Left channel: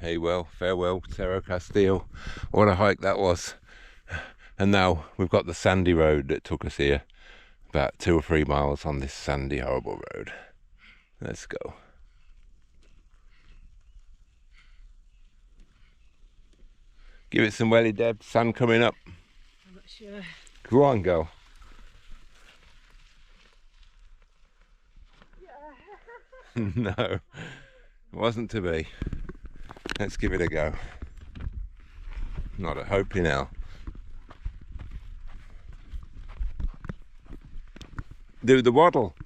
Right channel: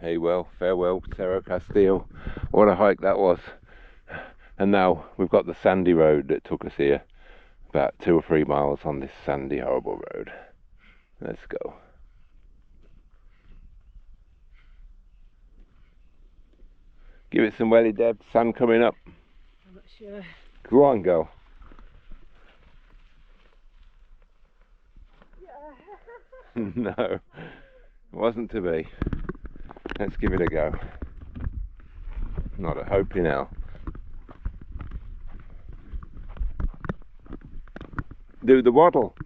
Hey, well, farewell, Cerro Castillo. What a hike that was. And now we've got the sandy road that took us here. About 2 or 3 miles on this sandy, horrible road. Let's go. Give it some welly, Deb. Sun coming up. I'm not sure. Go on, girl. Yeah. No, it wasn't to be. Let's give it a go. Not a hope in hell. Do the waddle.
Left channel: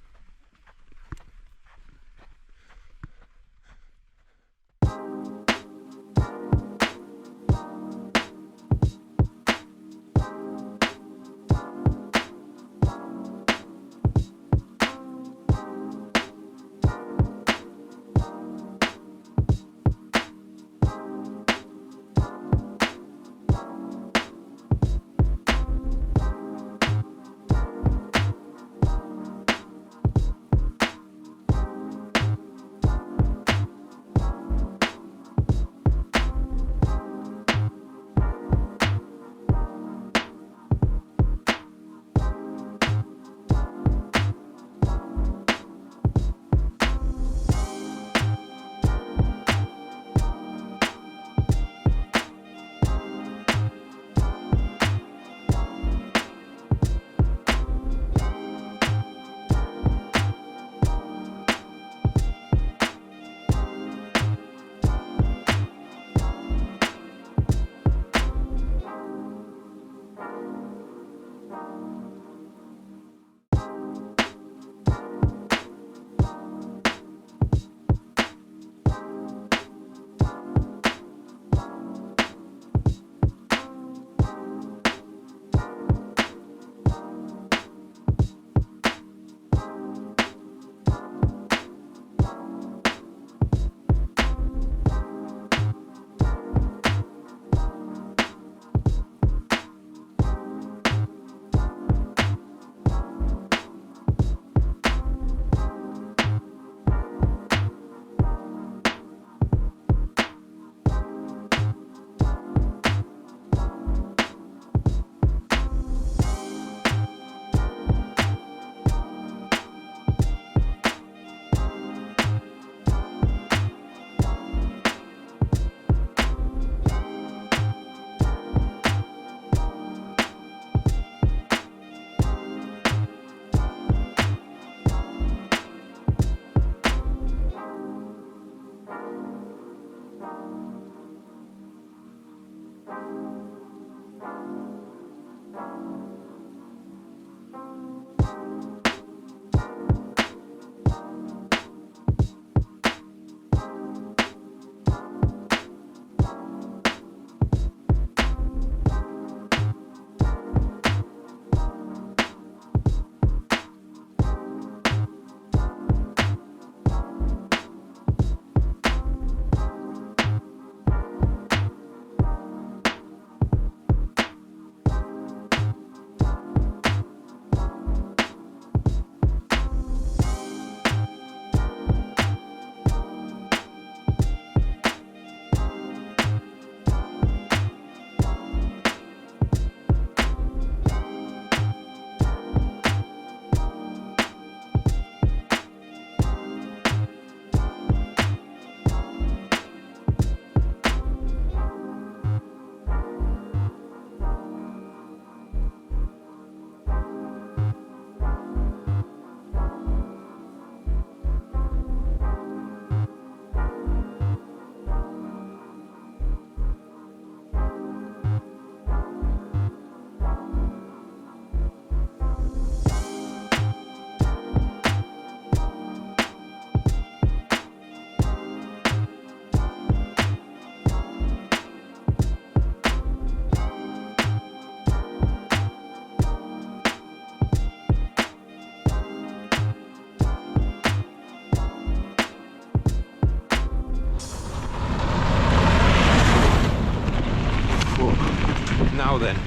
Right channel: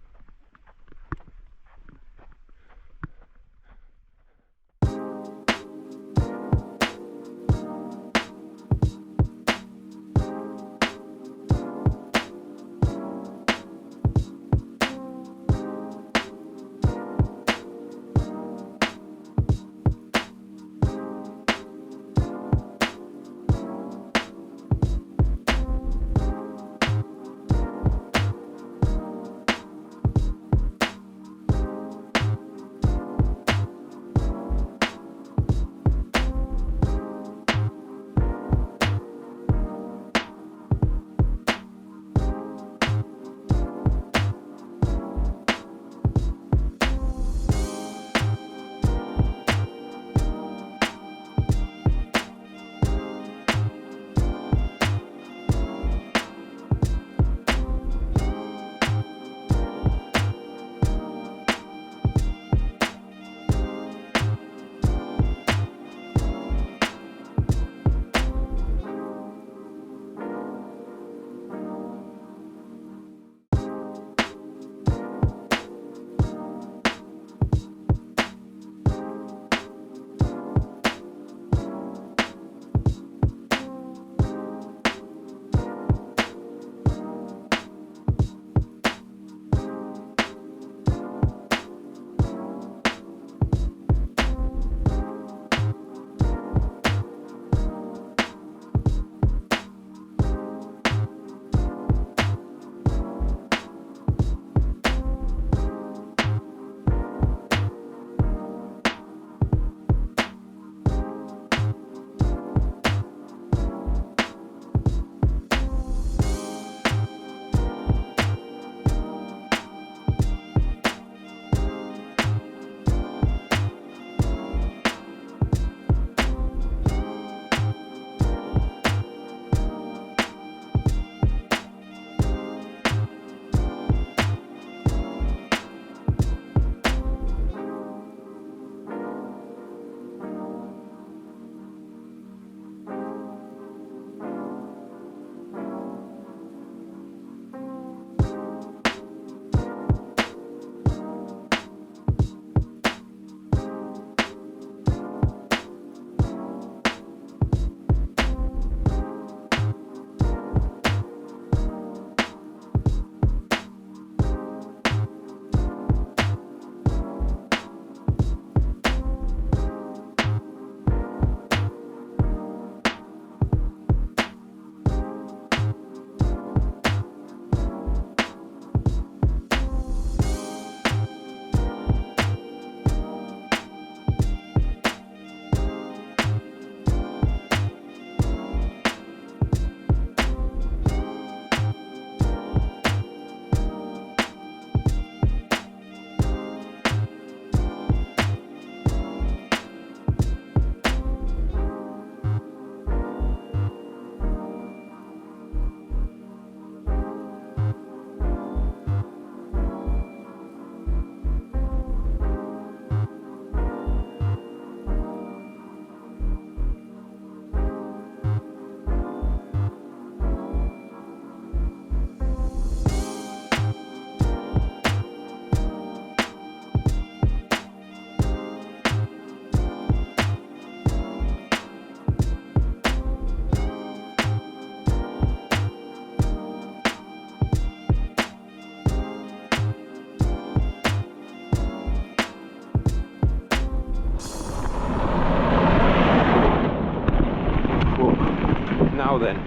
Now then,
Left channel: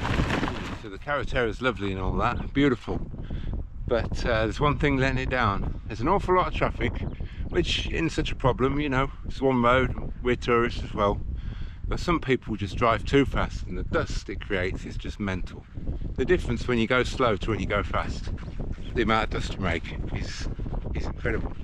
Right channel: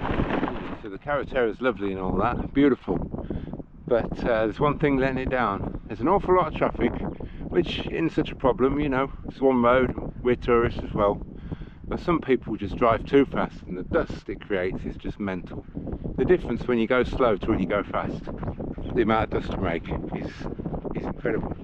so the Carretera is lovely and all that, beautiful, but there's one thing letting it down. There's an awful lot of traffic which isn't such a problem, you know, it's one road, we're tourists as well. But some people just drive too fast, and the dust it creates is just mental. The difference when you go slow to when you go fast, the amount of dust you make is incredible.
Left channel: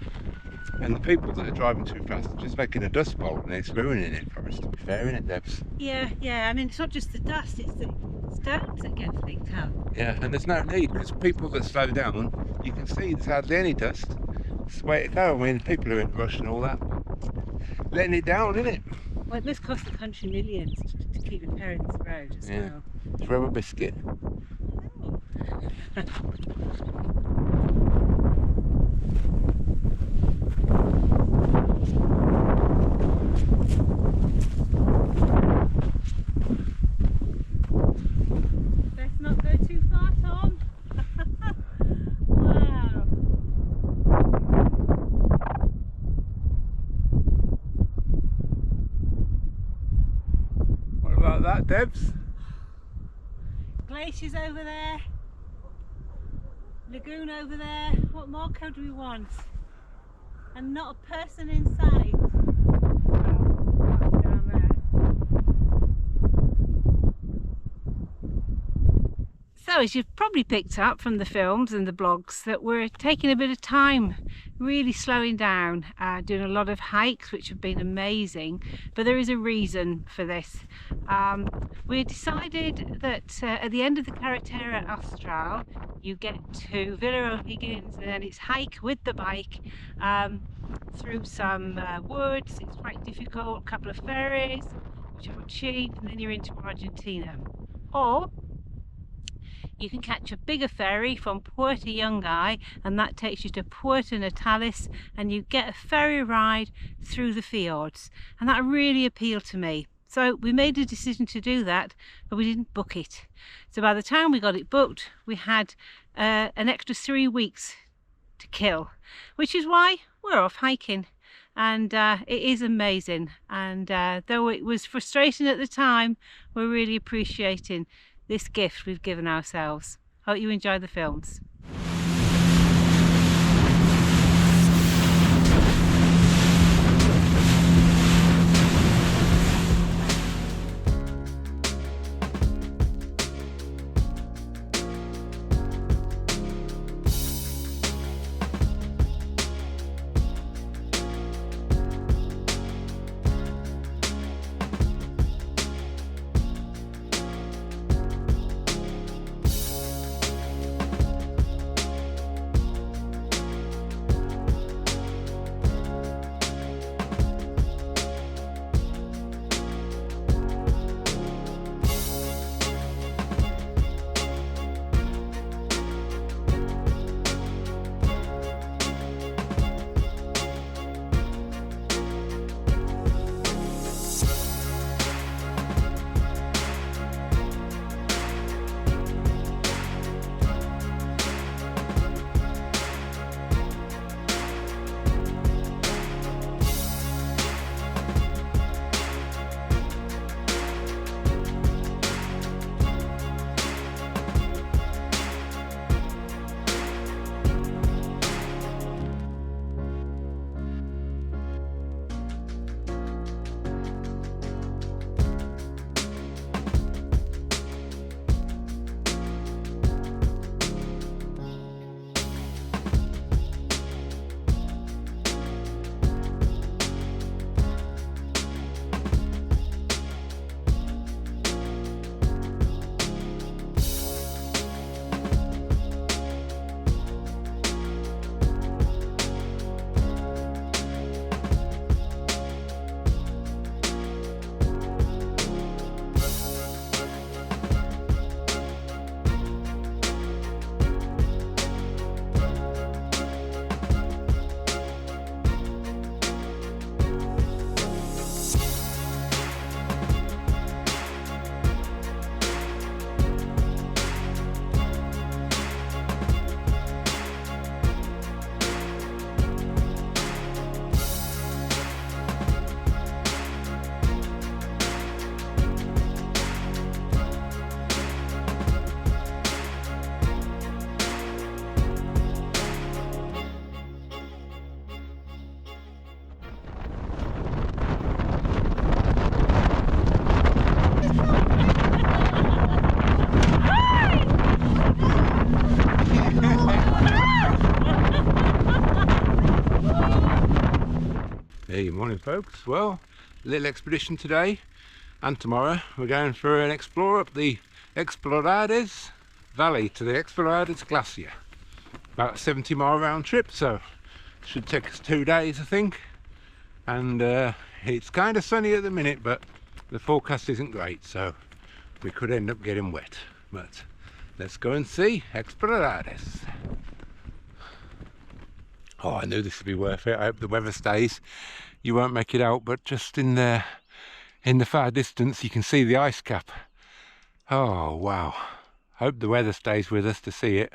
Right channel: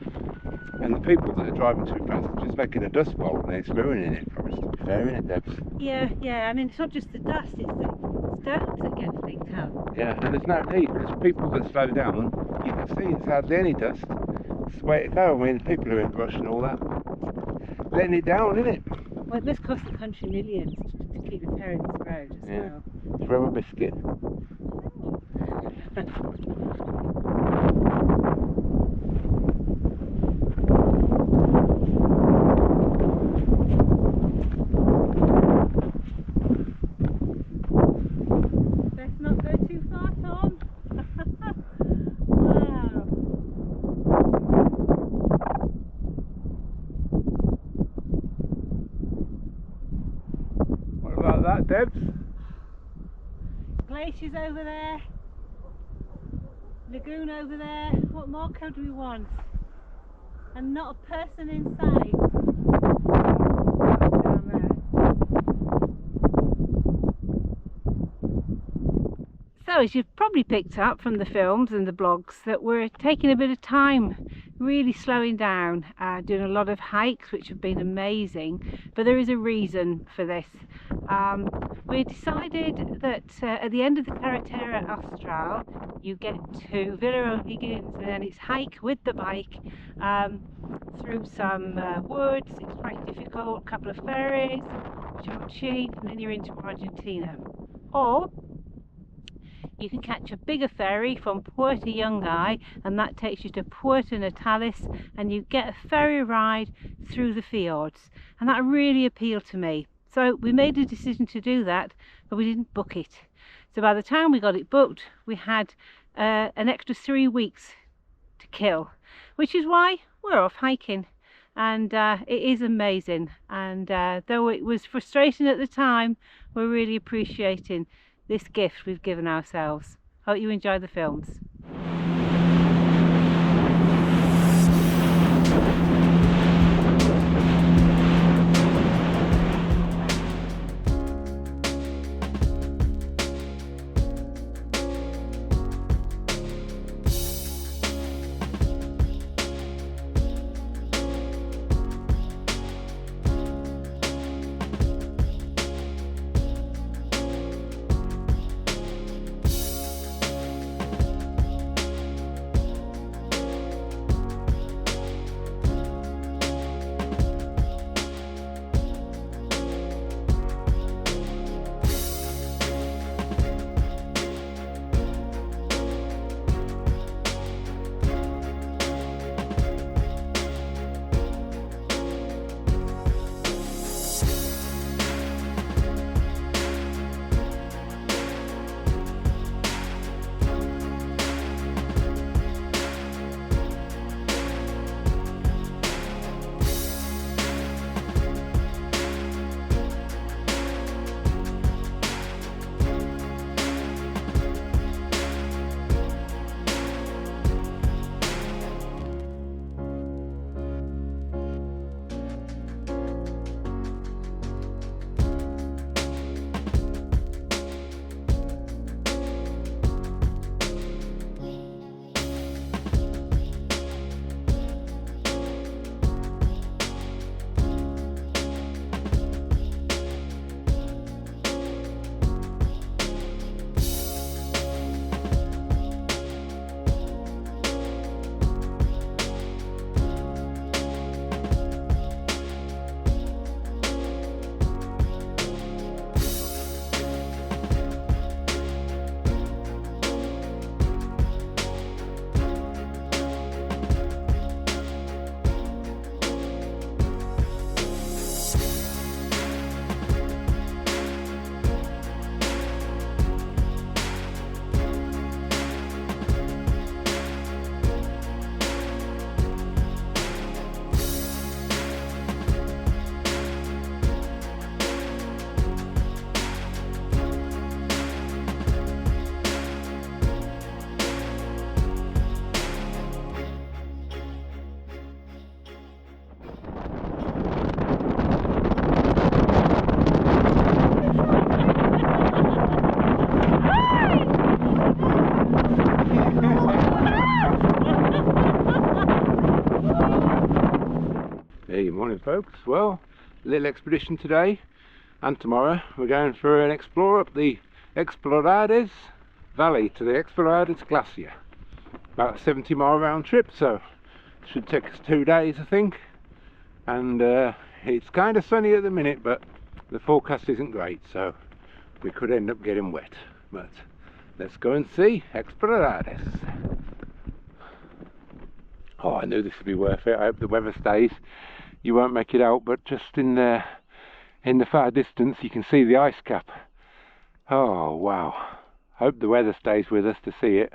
And the people that are driving too fast are just making a dust bowl, and it's ruining it for us, to be fair, isn't it, Debs? Yeah, yeah. I mean, it's not just the dust; it's the stones that get flicked up. Yeah, and there's no need, because people that slow down, you can see there's hardly any dust. It's the way to go. I mean, people are in a rush and all that, letting it down, isn't it? Well, it must cost the country millions to keep repairing this road as Yeah. well. Throw a biscuit. Let's not go too far, Tom. Wow. What about that, Debs? Glaciers over there. Lagoon over there. What more could we want? And not a person in sight. Down there. So, as you've probably picked up from the films and the blogs, that we're taking a bit of time, really slowing down, doing a lot of hikes, which have been amazing, but there is a reason for this. We decided that at the end of the Carretera Austral, you get to Villa O'Higgins, and then it's hike with the bike through some woods. It's quite difficult, a couple of ferries, which are cheap, and then you're into Argentina. Or you can catch a bigger ferry from Puerto Yungay, and that takes you to Puerto Natales, and you get a ferry ride through the fjords, and that really appealed to me. So we made a decision to do that, but we didn't book it. So by the time we got it booked, we had an extra 3 weeks to kill, which is why we're off hiking. And it is amazing, and though it was frustrating at the time, we're really appreciating this gift we've given ourselves. Hope you enjoy the films. Morning folks. Well, little expedition today and tomorrow. We're going for an explore up the Exploradores valley to the Exploradores glacier. About a 70-mile round trip, so should take us 2 days I think. And it's kind of sunny at the minute, but the forecast isn't great, so we could end up getting wet. But let's go and see Exploradores. Oh, I knew this would be worth it. I hope the weather stays. You won't make it out, but just in the far distance you can see the ice cap. Oh wow, hope the weather stays with us to see it.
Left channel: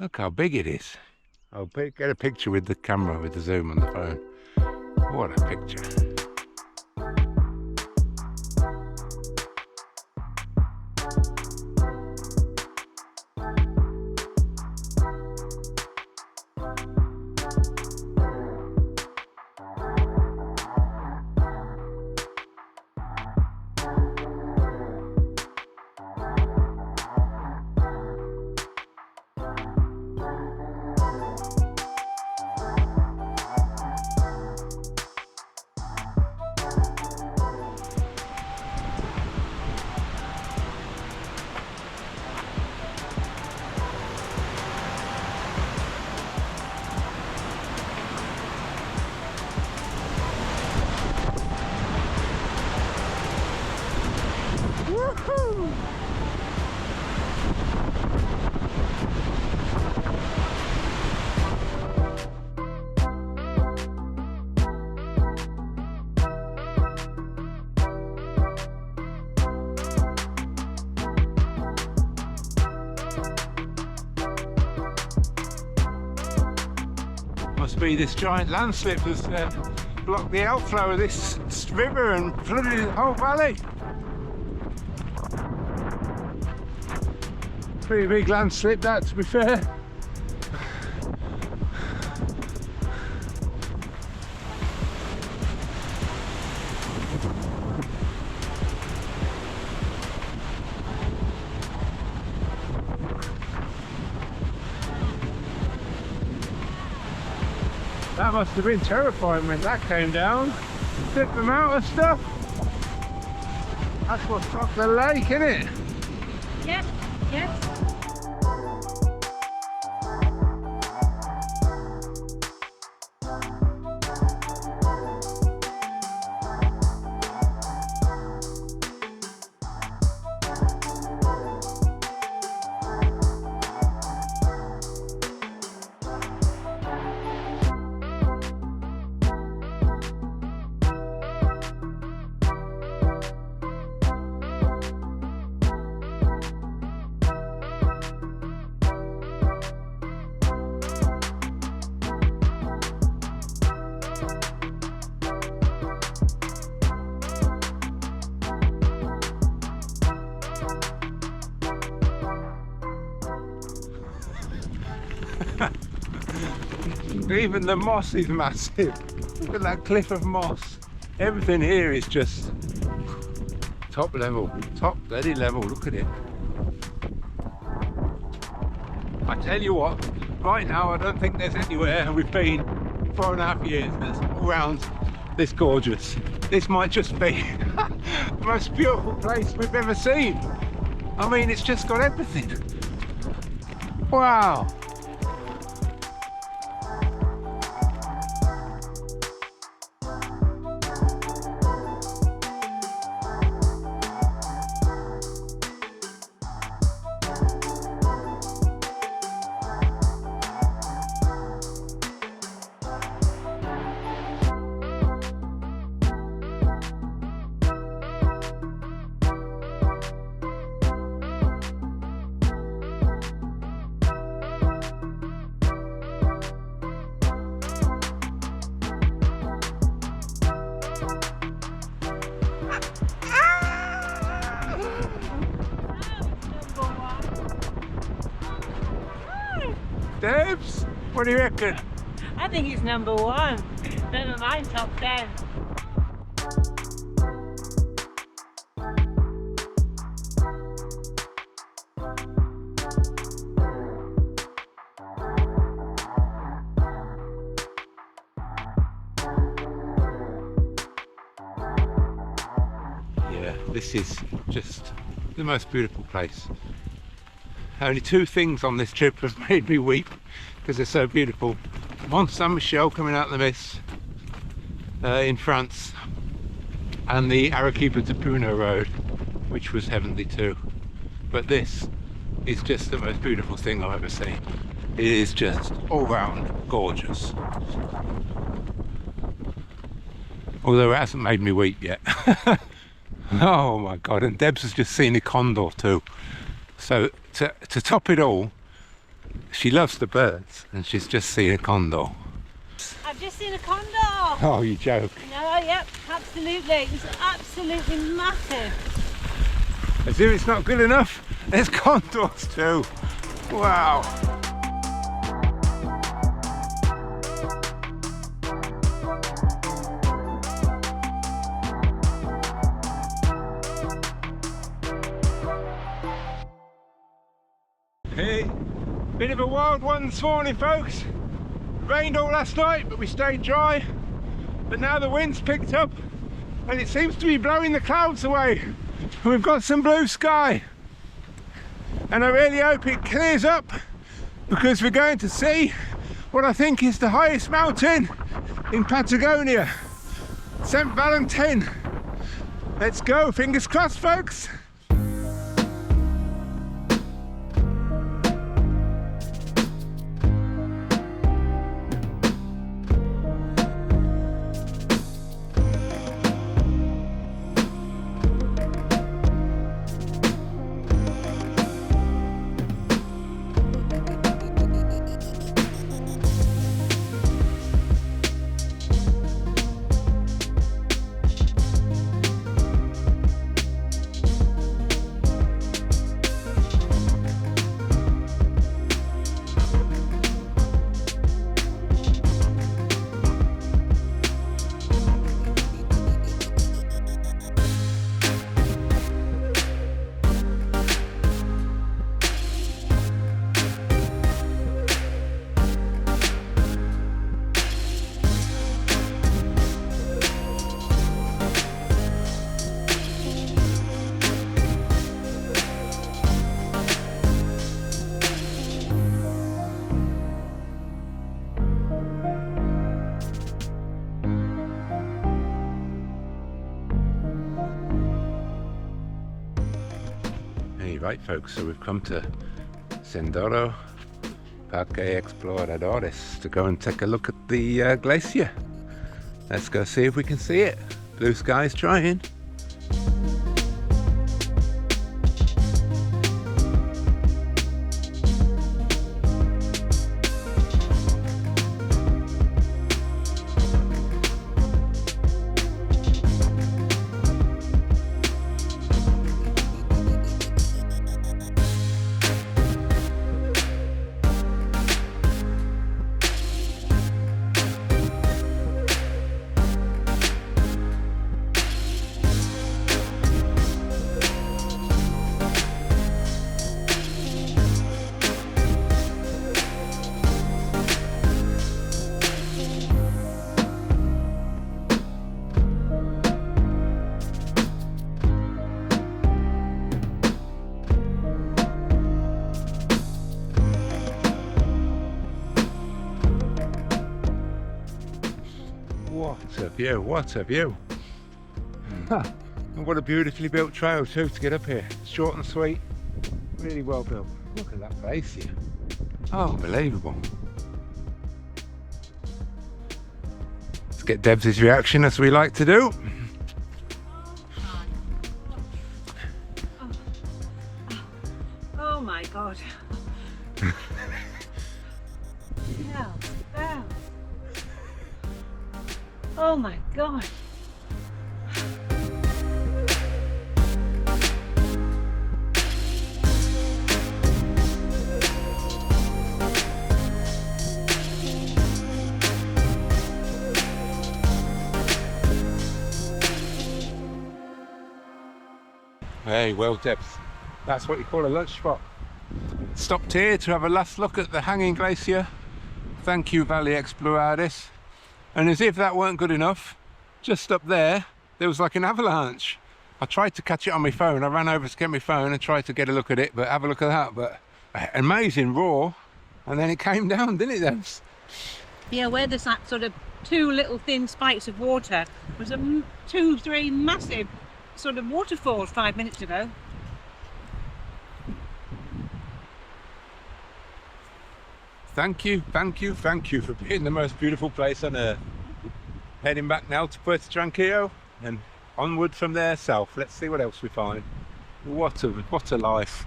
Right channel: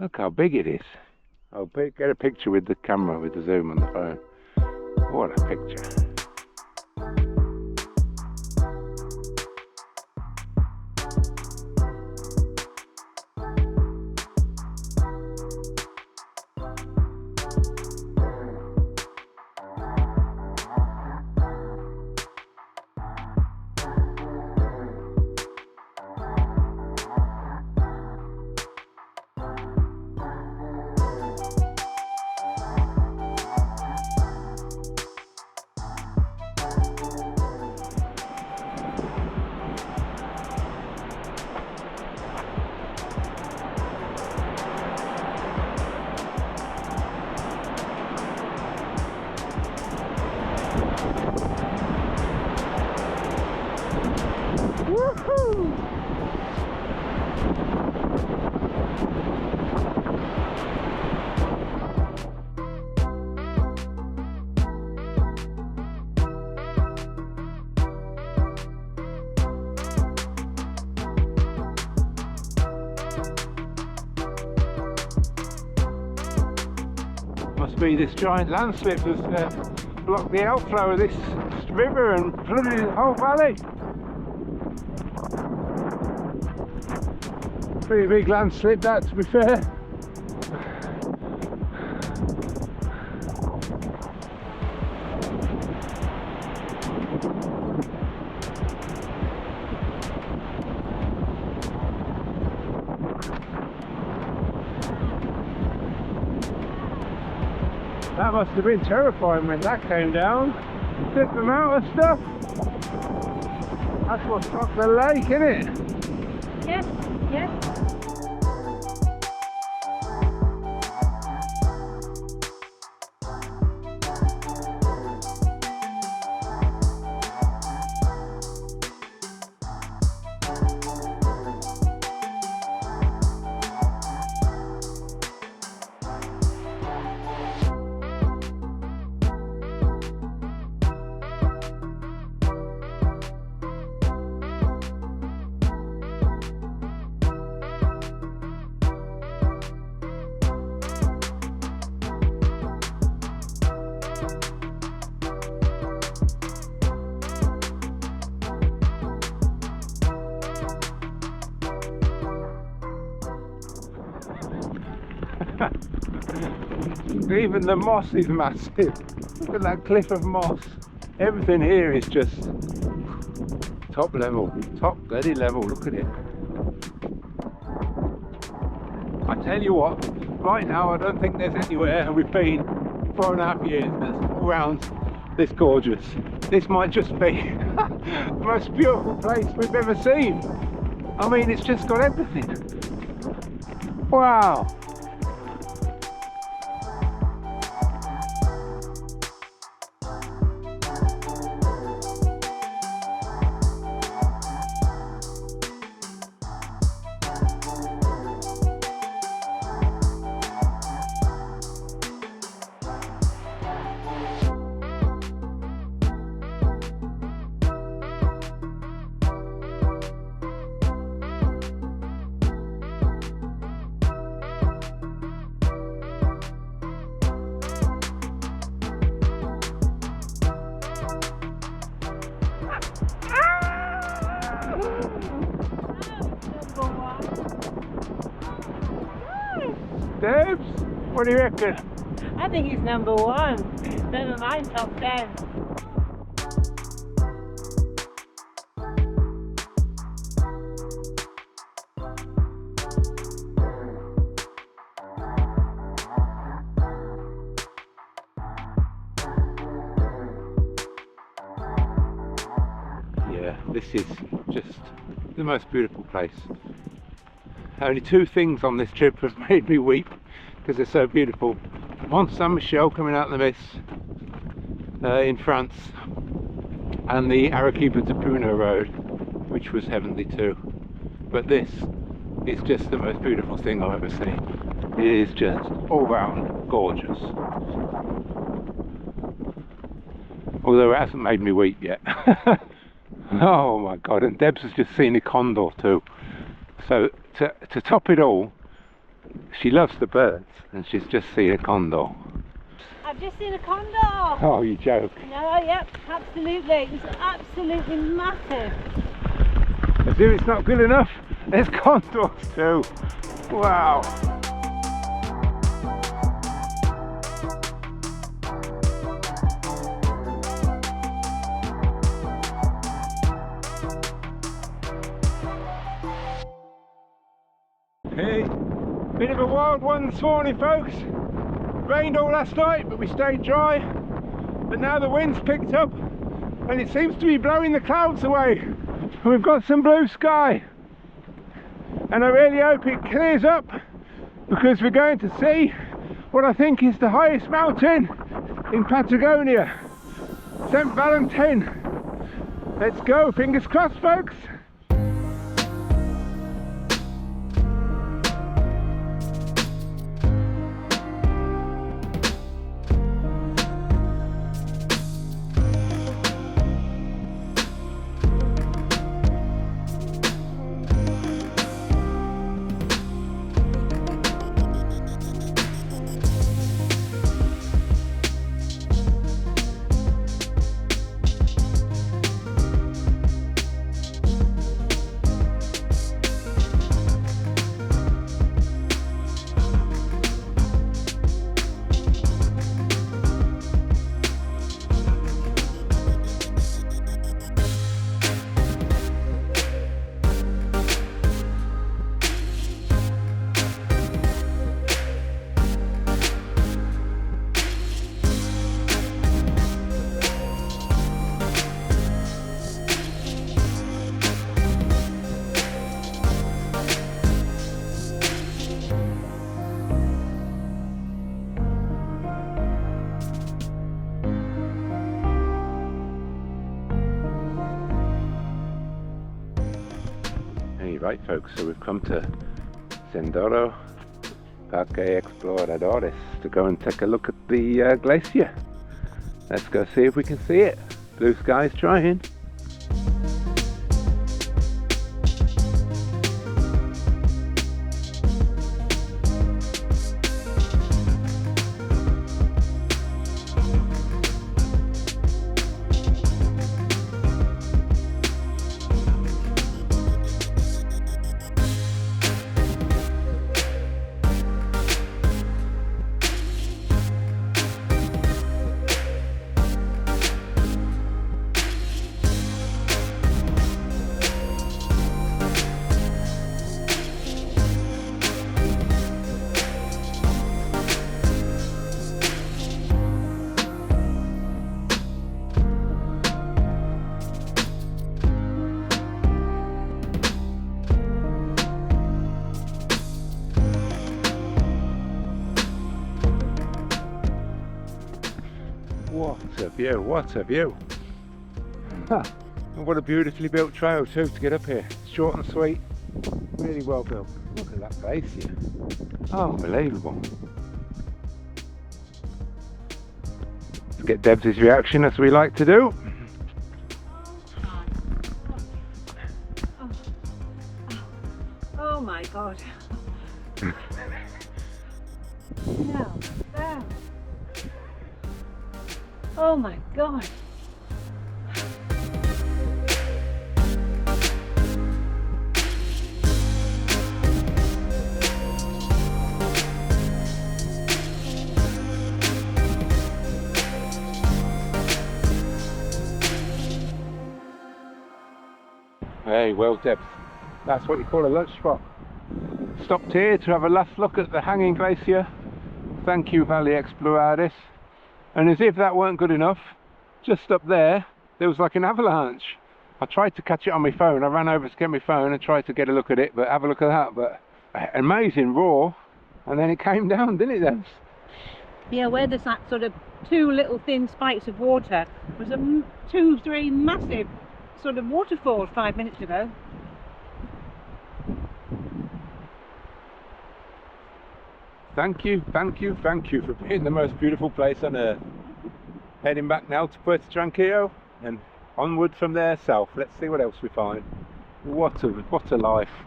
Look how big it is. I'll get a picture with the camera, with the zoom on the phone. What a picture. Must be this giant landslip that's blocked the outflow of this river and flooded the whole valley. Pretty big landslip that, to be fair. That must have been terrifying when that came down. Flip them out and stuff. That's what stopped the lake, isn't it? Yes, yes. Even the moss is massive. Look at that cliff of moss. Everything here is just top level, top bloody level. Look at it. I tell you what, right now I don't think there's anywhere we've been 4.5 years that's all round this gorgeous. This might just be the most beautiful place we've ever seen. I mean, it's just got everything. Wow. Debs, what do you reckon? I think it's number 1. Never mind top 10. this is just the most beautiful place. Only two things on this trip have made me weep because they're so beautiful. Mont Saint-Michel coming out of the mist in France, and the Arequipa to Puno road, which was heavenly too. But this is just the most beautiful thing I've ever seen. It is just all round gorgeous. Although it hasn't made me weep yet. Oh my god, and Debs has just seen a condor too. So to top it all, she loves the birds and she's just seen a condor. I've just seen a condor. Oh, you joke. No, yep, absolutely. It was absolutely massive. As if it's not good enough, there's condors too. Wow. Hey, bit of a wild one this morning, folks. Rained all last night, but we stayed dry. But now the wind's picked up and it seems to be blowing the clouds away. We've got some blue sky. And I really hope it clears up, because we're going to see what I think is the highest mountain in Patagonia, St. Valentin. Let's go, fingers crossed, folks. Right, folks, so we've come to Sendero Parque Exploradores to go and take a look at the glacier. Let's go see if we can see it. Blue sky's trying. What a view, what a view. And what a beautifully built trail too to get up here. Short and sweet, really well built. Look at that glacier. Oh, unbelievable. Let's get Debs' reaction, as we like to do. Oh my god. No. Oh. Oh my god. Hey, well, Debs, that's what you call a lunch spot. Stopped here to have a last look at the hanging glacier. Thank you, Valley Exploradores. And as if that weren't good enough, just up there was like an avalanche. I tried to catch it on my phone. I ran over to get my phone and tried to get a look at it, but have a look at that. But amazing roar, and then it came down, didn't it, Debs? Yeah, where there's that sort of two little thin spikes of water was a 2-3 massive sort of waterfalls 5 minutes ago. Thank you for being the most beautiful place on earth. Heading back now to Puerto Tranquillo and onward from there south. Let's see what else we find. What a life,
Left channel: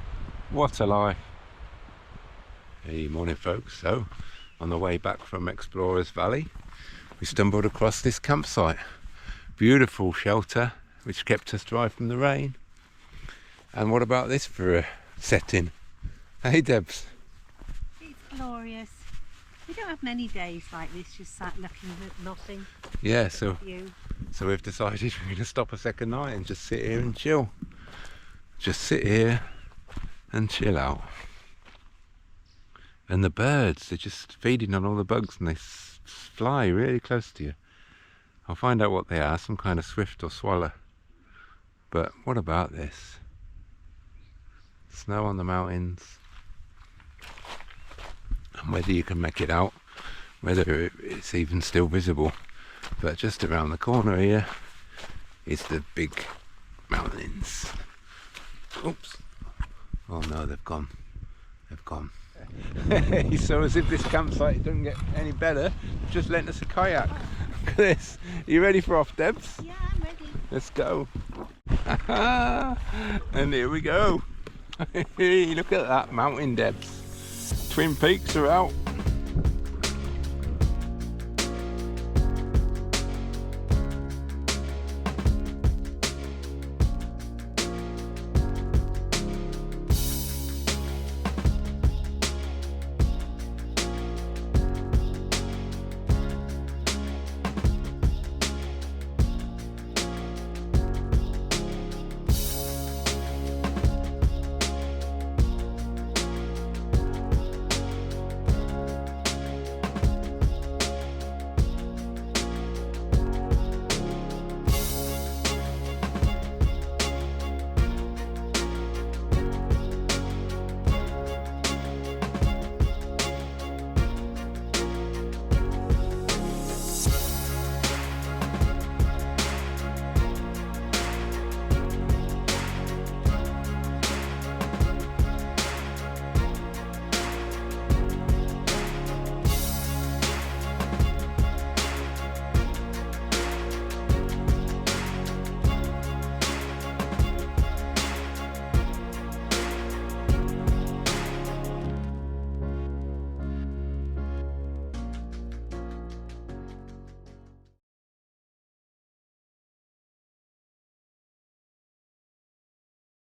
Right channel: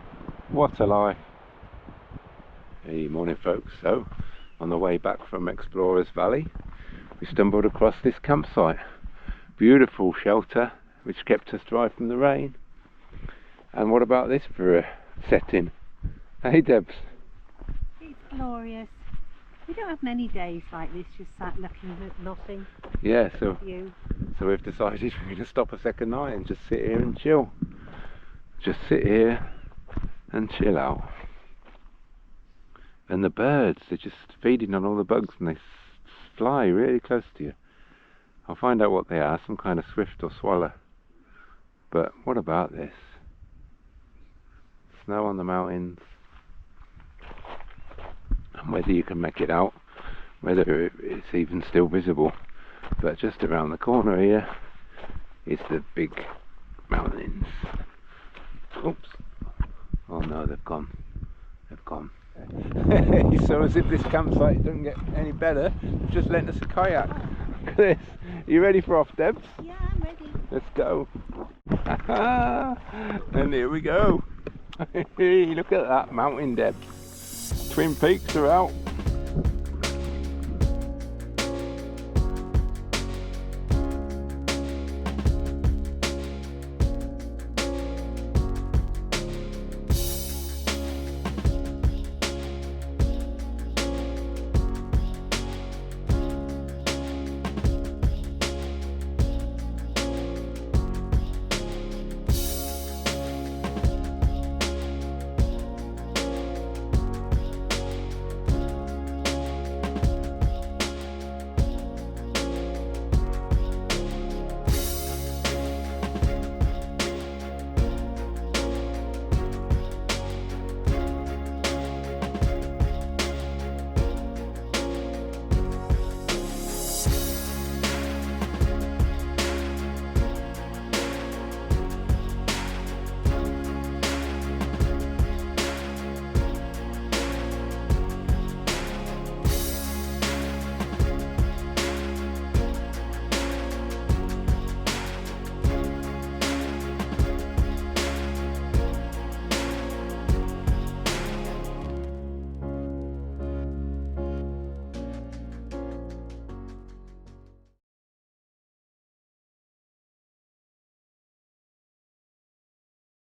what a life. Hey, morning folks. So on the way back from Explorers Valley, we stumbled across this campsite. Beautiful shelter which kept us dry from the rain. And what about this for a setting? Hey Debs. It's glorious. We don't have many days like this, just sat looking at nothing. Yeah, so we've decided we're going to stop a second night and just sit here and chill. Just sit here and chill out. And the birds, they're just feeding on all the bugs and they fly really close to you. I'll find out what they are, some kind of swift or swallow. But what about this? Snow on the mountains. And whether you can make it out, whether it's even still visible. But just around the corner here is the big mountains. Oops. Oh no, they've gone. They've gone. So as if this campsite doesn't get any better, they've just lent us a kayak. Look at this. Are you ready for off, Debs? Yeah, I'm ready. Let's go. And here we go. Look at that mountain, Debs. Twin Peaks are out.